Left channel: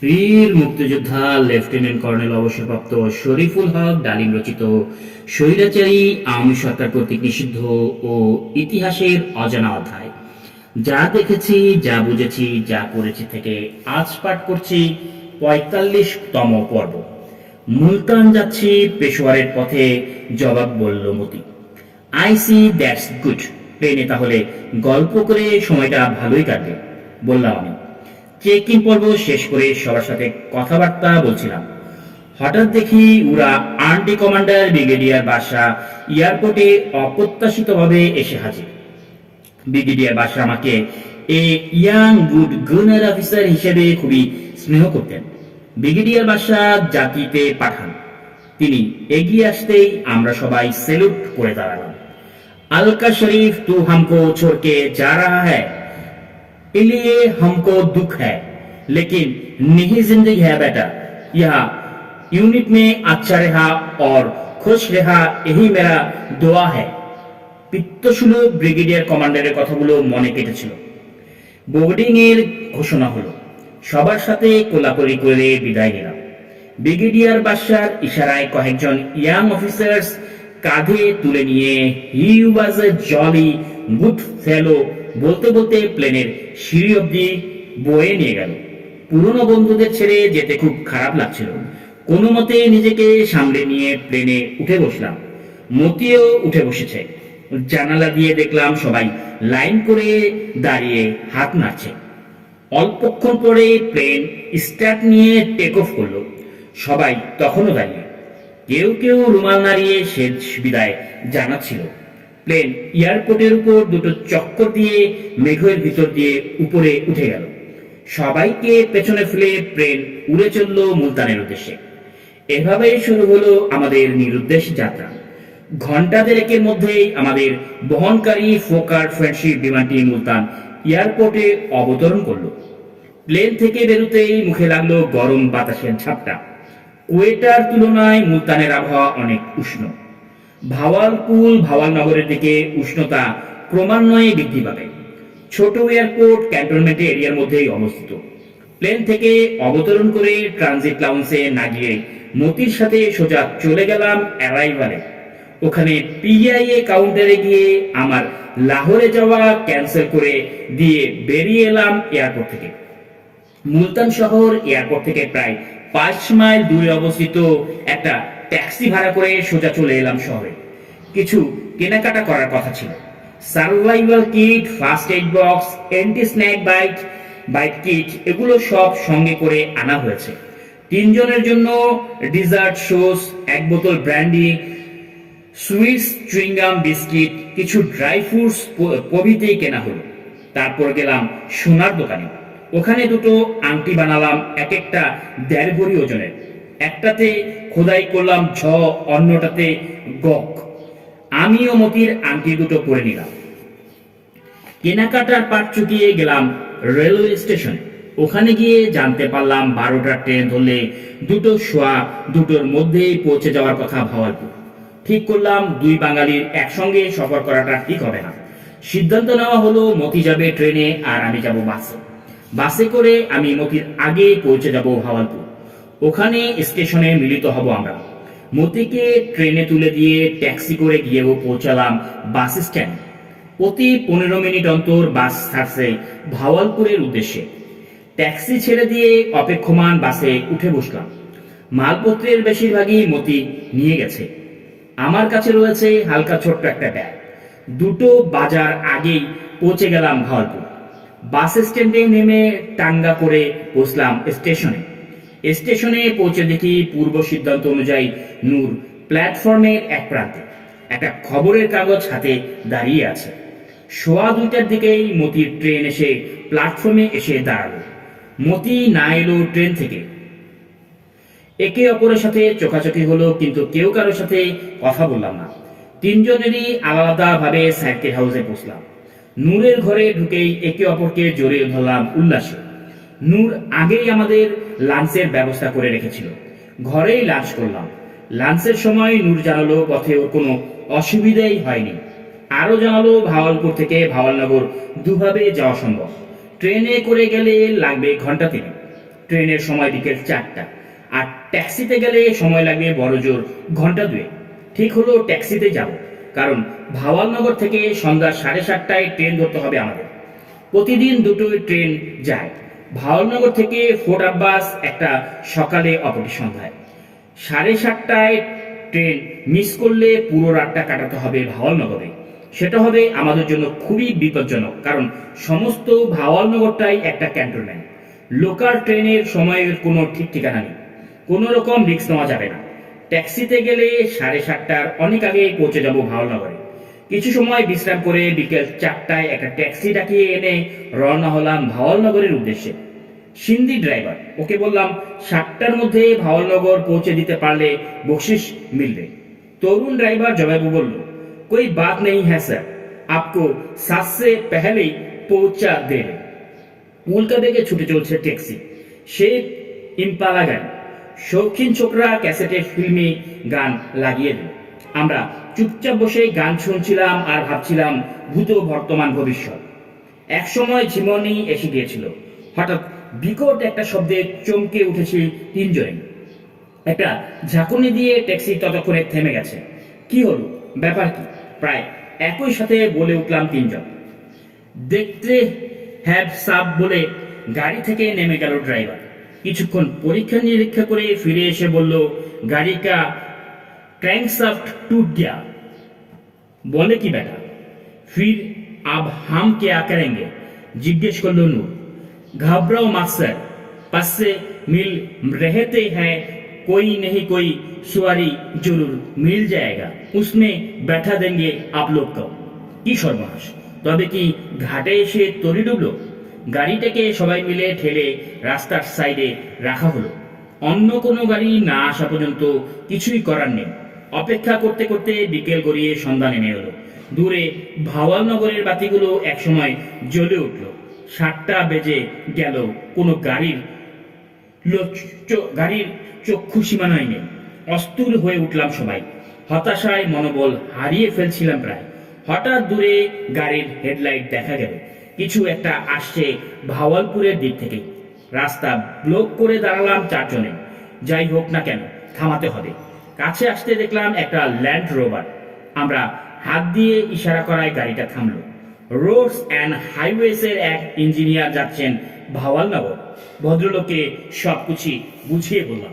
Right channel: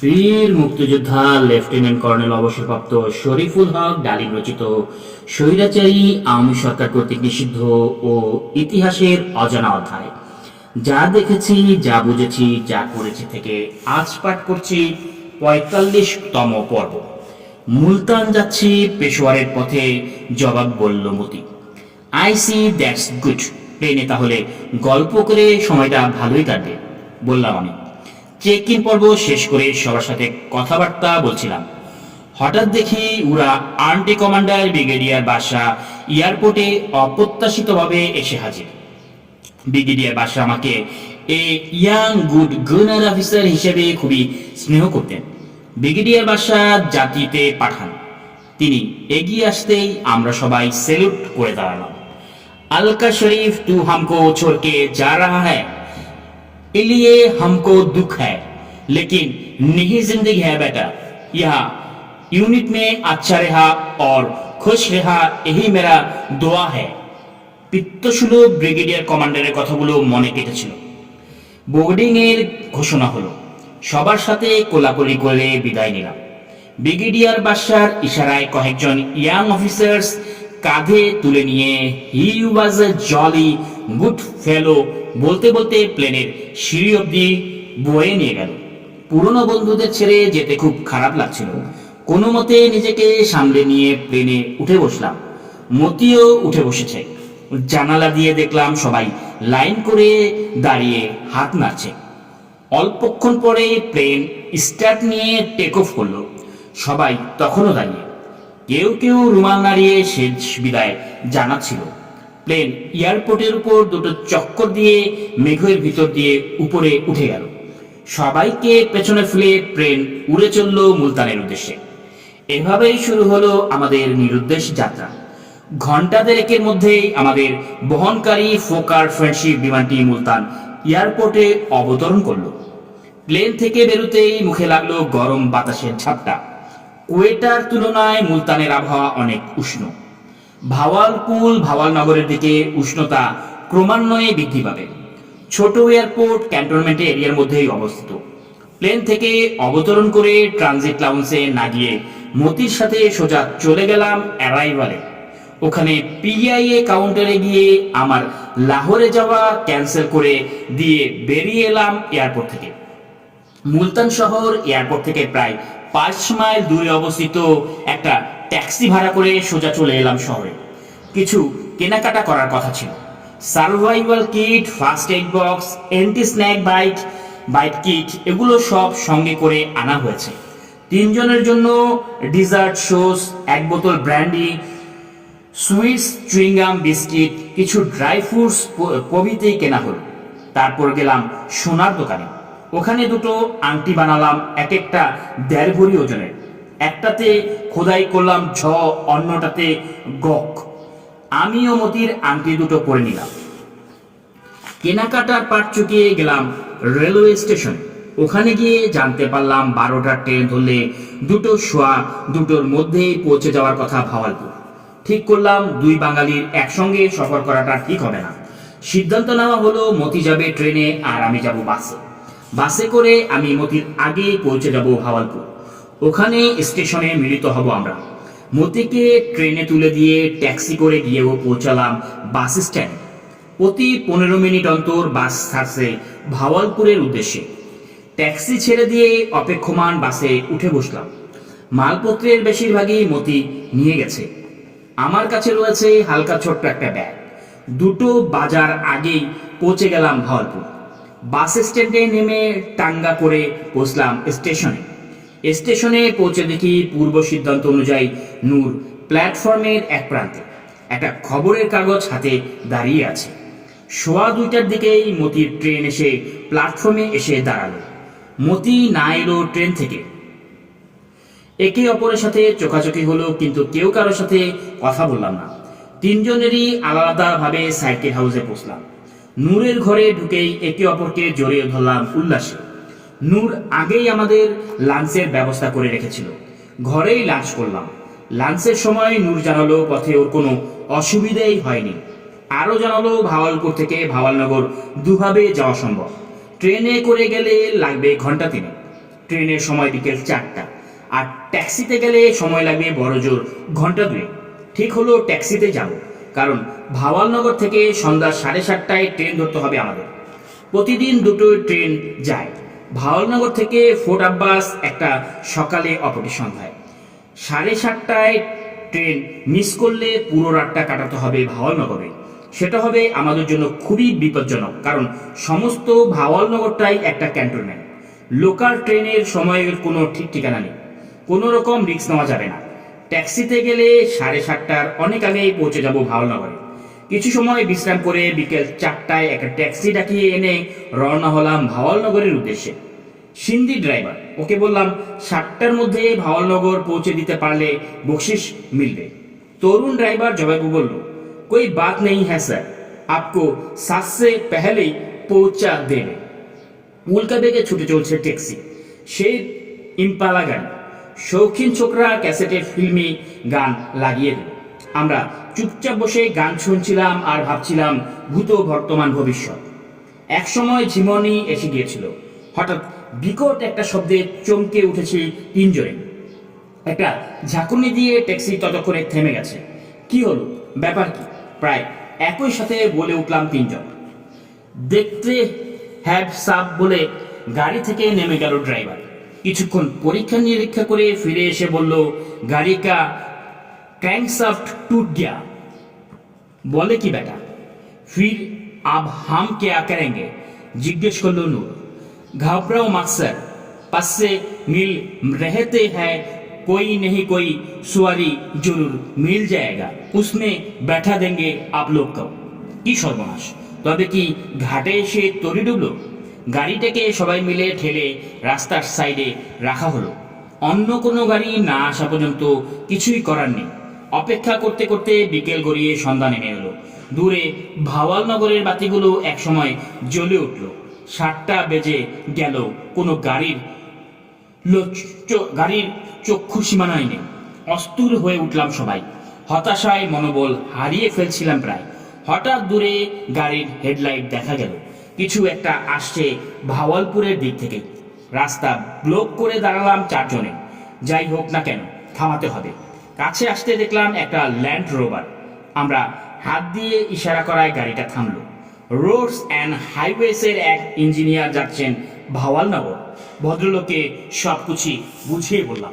বীর মুক্তিযোদ্ধা lieutenant colonel অবসরপ্রাপ্ত শরীফুল হক ডালিম রচিত স্বৈরাচারী আওয়ামী সরকার কর্তৃক নিষিদ্ধ ও ইতিহাসের অজানা অধ্যায়। যা দেখেছি, যা বুঝেছি, যা করেছি থেকে আজ পাঠ করছি পঁয়তাল্লিশতম পর্ব। মুলতান যাচ্ছি পেশোয়ারের পথে, জবাব বলল Moti. I see that's good. ট্রেনে তাহলে গল্প করে সময়টা ভালোই কাটবে, বললাম আমি। চেক ইন পর্ব শেষ করে সবার সাথে কথাবার্তা বলছিলাম। হঠাৎ দেখি ওরা আর্মি কমান্ডার ব্রিগেডিয়ার বাসা এয়ারপোর্টে অপ্রত্যাশিতভাবে এসে হাজির। ব্রিগেডিয়ার বাসা আমাকে a young good gunner officer হিসেবে খুবই স্নেহ করতেন। ব্রিগেডিয়ার বাসা জাতিতে পাঠান। তিনি এগিয়ে আসতেই আমরা সবাই সেলুট করে দাঁড়ালাম। আলকা শরীফ তু হামকো ছোড়কে যা রাহা হ্যায় है इसलिए हमको दुख है लेकिन नहीं जिंदगी है बेटा यह यूनिट में अच्छा रहा और खुश रहा यही मेरा দোয়া है পিত্তসুলভ ব্রিগেডিয়ার কমান্ডারের কথাগুলো মনে কেটেছিল বোর্ডিং এর ঘোষণা হলো সবার সাথে কোলাকুলি করে বিদায় নিলাম ব্রিগেডিয়ার বাসার ইশারায় কয়েকজন ইয়াং অফিসার্স কাঁধে তুলে নিয়ে হি ওয়াজ এ জলি গুড ফেলো বলতে বলতে প্লেনের সিঁড়ি অব্দি বয়ে নিয়ে গেল। পুরনো বন্ধুদের ছেড়ে যেতে খুব খারাপ লাগছিল। কোনো মতে নিজেকে সামলে নিয়ে প্লেনে উঠে বসলাম। মতিও উঠে বসেছে। জানালা দিয়ে দেখলাম সবাই লাইন করে দাঁড়িয়ে হাত নাড়ছে। অল্পক্ষণ পরে প্লেন স্টার্ট নিয়ে টেক অফ করল। সবাই তখনও দাঁড়িয়ে। কেউ কেউ রুমাল নাড়িয়ে শেষ বিদায় জানাচ্ছিল। প্লেন এয়ারপোর্টের উপর দুটো চক্কর দিয়ে মেঘের ভিতর দিয়ে উপরে উঠে গেল। সবাইকে পেছনে ফেলে প্লেন উড়ে চলল মুলতানের উদ্দেশ্যে। এভাবেই শুরু হলো আমাদের নিরুদ্দেশ যাত্রা। ঘণ্টা দেড়েকের মধ্যেই আমাদের বহনকারী ফোকার ফ্রেন্ডশিপ বিমানটি মুলতান এয়ারপোর্টে অবতরণ করল। প্লেন থেকে বেরোতেই মুখে লাগল গরম বাতাসের ঝাপটা। কুয়েটার তুলনায় মুলতানের আবহাওয়া অনেক উষ্ণ। ভাওয়ালপুল ভাওয়ালনগরের দিকে উষ্ণতা ক্রমান্বয়ে বৃদ্ধি পাবে। ছোট এয়ারপোর্ট ক্যান্টনমেন্ট এরিয়ার মধ্যেই অবস্থিত। প্লেন থেকে অবতরণ করে ট্রানজিট লাউন্সে না গিয়ে মতির সাথে সোজা চলে গেলাম অ্যারাইভালে। ওখানে পিআইএ কাউন্টারে গিয়ে আমার লাহোরে যাওয়া ক্যান্সেল করে দিয়ে বেরিয়ে এলাম এয়ারপোর্ট থেকে। মুলতান শহর এয়ারপোর্ট থেকে প্রায় পাঁচ মাইল দূরে অবস্থিত একটা ট্যাক্সি ভাড়া করে সোজা চলে এলাম শহরে। কিছু কেনাকাটা করার কথা ছিল। Survival kit, first aid box anti snack bite bite kit, এগুলো সব সঙ্গে করে আনা হয়েছে। তিনজনের জন্য ডিজার্ট সোস, এক বোতল brandy sweets chewing gum biscuit, কিছু ড্রাই ফ্রুটস প্রভৃতি কেনা হলো। তারপর গেলাম সোনার দোকানে। ওখানে দুটো আংটি বানালাম, এক একটা দেড় ভরি ওজনের। একটাতে খোদাই করলাম ঝ অন্যটাতে গক। আমি ও মতির আংটি দুটো পরে নিলাম। কেনাকাটার পাট চুকিয়ে গেলাম রেলওয়ে স্টেশনে। ওখানে গিয়ে জানতে পারলাম বারোটার ট্রেন ধরলে দুটো শোয়া দুটোর মধ্যেই পৌঁছে যাওয়ার কথা ভাওয়ালপুর। ঠিক করলাম দুই বাঙালির একসঙ্গে সফর করাটা ঠিক হবে না। সিদ্ধান্ত নেওয়া হলো মতি যাবে ট্রেনে আর আমি যাব বাসে। বাসে করে আমি মতির আগে পৌঁছে যাব ভাওয়ালপুর। ওখানে স্টেশনে মিলিত হব আমরা। মতিকে ট্রেনে তুলে দিয়ে ট্যাক্সি করে গিয়েও পৌঁছালাম বাস স্ট্যান্ড। প্রতি পনেরো মিনিট অন্তর বাস ছাড়ছে ভাওয়ালপুরের উদ্দেশ্যে। ট্যাক্সি ছেড়ে দিয়ে অপেক্ষমান বাসে উঠে বসলাম। মালপত্রের বেশিরভাগই মতি নিয়ে গেছে। আমার কাছে রয়েছে হালকা ছোট্ট একটা ব্যাগ। দুটো বাজার আগেই পৌঁছে গেলাম ভাওয়ালপুর। বাস স্ট্যান্ডে নেমে টাঙ্গা করে বসলাম স্টেশনে। স্টেশনে পৌঁছে দেখি পূর্ব সিদ্ধান্ত অনুযায়ী নূর প্ল্যাটফর্মের এক প্রান্তে একটা খবরের কাগজ হাতে দাঁড়িয়ে আছে। সোয়া দুইটার দিকেই মতির ট্রেন এসে প্ল্যাটফর্মে এসে দাঁড়াল। মতি না এলো ট্রেন থেকে। একে অপরের সাথে চোখাচোখি হলো, কিন্তু কেউ কারোর সাথে কথা বললাম না। তিনজনেরই আলাদাভাবে সার্কিট হাউসে পৌঁছলাম নূরের ঘরে ঢুকেই একে অপরকে জড়িয়ে ধরলাম উল্লাসে। নূর আগেই আমাদের লাঞ্চের ব্যবস্থা করে রেখেছিল। ঘরেই লাঞ্চ করলাম। লাঞ্চের সময় নূর জানালো পথে ওর কোনো অসুবিধাই হয়নি। আরও জানালো ভাওয়ালপুর থেকে ভাওয়ালনগর দুভাবে যাওয়া সম্ভব। ট্রেনে করে গেলে লাগবে ঘণ্টা তিন ট্রেনের সময় বিকেল চারটা। আর ট্যাক্সিতে গেলে সময় লাগবে বড় জোর ঘণ্টা দুয়ে ঠিক হলো ট্যাক্সিতে যাব, কারণ ভাওয়ালনগর থেকে সন্ধ্যা সাড়ে সাতটায় ট্রেন ধরতে হবে আমাদের। প্রতিদিন দুটোই ট্রেন যায়। ভাওয়ালনগর থেকে ফোর্ট আব্বাস একটা সকালে অপরটি সন্ধ্যায়। সাড়ে সাতটায় ট্রেন মিস করলে পুরো রাতটা কাটাতে হবে ভাওয়ালনগরে। সেটা হবে আমাদের জন্য খুবই বিপজ্জনক, কারণ সমস্ত ভাওয়ালনগরটাই একটা ক্যান্টনমেন্ট। লোকাল ট্রেনের সময়ের কোনো ঠিক ঠিকানা নেই। কোনো রকম রিস্ক নেওয়া যাবে না। ট্যাক্সিতে গেলে সাড়ে সাতটার অনেক আগেই পৌঁছে যাব ভাওয়ালনগরে। কিছু সময় বিশ্রাম করে বিকেল চারটায় একটা ট্যাক্সি ডাকিয়ে এনে রওনা হলাম ভাওয়ালনগরের উদ্দেশ্যে সিন্ধি ড্রাইভার ওকে বললাম সাতটার মধ্যে ভাওয়ালনগর পৌঁছে দিতে পারলে বকশিস মিলবে তরুণ ড্রাইভার জবাবু বলল कोई बात नहीं है सर आपको सात से पहले ही पहुंचा देंगे উল্কা বেগে ছুটে চলছে ট্যাক্সি সে ইম্পালা গাড়ি শৌখিন ছোকরা ক্যাসেটের ফিল্মি গান লাগিয়ে দিল আমরা চুপচাপ বসে গান শুনছিলাম আর ভাবছিলাম, ভূত বর্তমান ভবিষ্যৎ। একসময় ঝিমনি এসে গিয়েছিল। হঠাৎ বিকট একটা শব্দে চমকে উঠেছে তিনজনে। একটা ঝাঁকুনি দিয়ে ট্যাক্সি ততক্ষণে থেমে গেছে। কি হলো? ব্যাপার কি? প্রায় একই সাথে বলে উঠলাম তিনজন। দেখতে হ্যাভ সাব বলে গাড়ি থেকে নেমে গেল ড্রাইভার। কিছুক্ষণ পরীক্ষা নিরীক্ষা করে ফিরে এসে বলল গাড়ি কা ক্র্যাঙ্কসাফট টুট গিয়া। বলে কি বেটা? ফির আব হাম কেয়া করেঙ্গে জিজ্ঞেস করল নূর ঘাবরাও মাকসার পাশে মিল রেহেতে হ্যায়, কই নেই কই সুয়ারি জরুর, মিল যায়গা উসমে बैठा দেঙ্গে আপ লোক को কি সর্বনাশ, তবে কি ঘাটে এসে তরি ডুবল? গাড়িটাকে সবাই মিলে ঠেলে রাস্তার সাইডে রাখা হলো। অন্য কোনো গাড়ি না আসা পর্যন্ত কিছুই করার নেই। অপেক্ষা করতে করতে বিকেল গড়িয়ে সন্ধ্যা নেমে এলো। দূরে ভাওয়াল নগরের বাতিগুলো একসময় জ্বলে উঠল। সাতটা বেজে গেল, কোনো গাড়ির গাড়ির চক্ষু সীমানায় নেই। অস্থির হয়ে উঠলাম সবাই। হতাশায় মনোবল হারিয়ে ফেলছিলাম প্রায়। হঠাৎ দূরে গাড়ির হেডলাইট দেখা গেল। কিছু একটা আসছে ভাওয়ালপুরের দিক থেকেই। রাস্তা ব্লক করে দাঁড়ালাম চারজনে। যাই হোক না কেন, থামাতে হবে। কাছে আসতে দেখলাম একটা ল্যান্ড রোভার আমরা হাত দিয়ে ইশারা করায় গাড়িটা থামলো। রোডস অ্যান্ড হাইওয়েসের এক ইঞ্জিনিয়ার যাচ্ছেন ভাওয়ালনগর। ভদ্রলোককে সবকিছু বুঝিয়ে বললাম।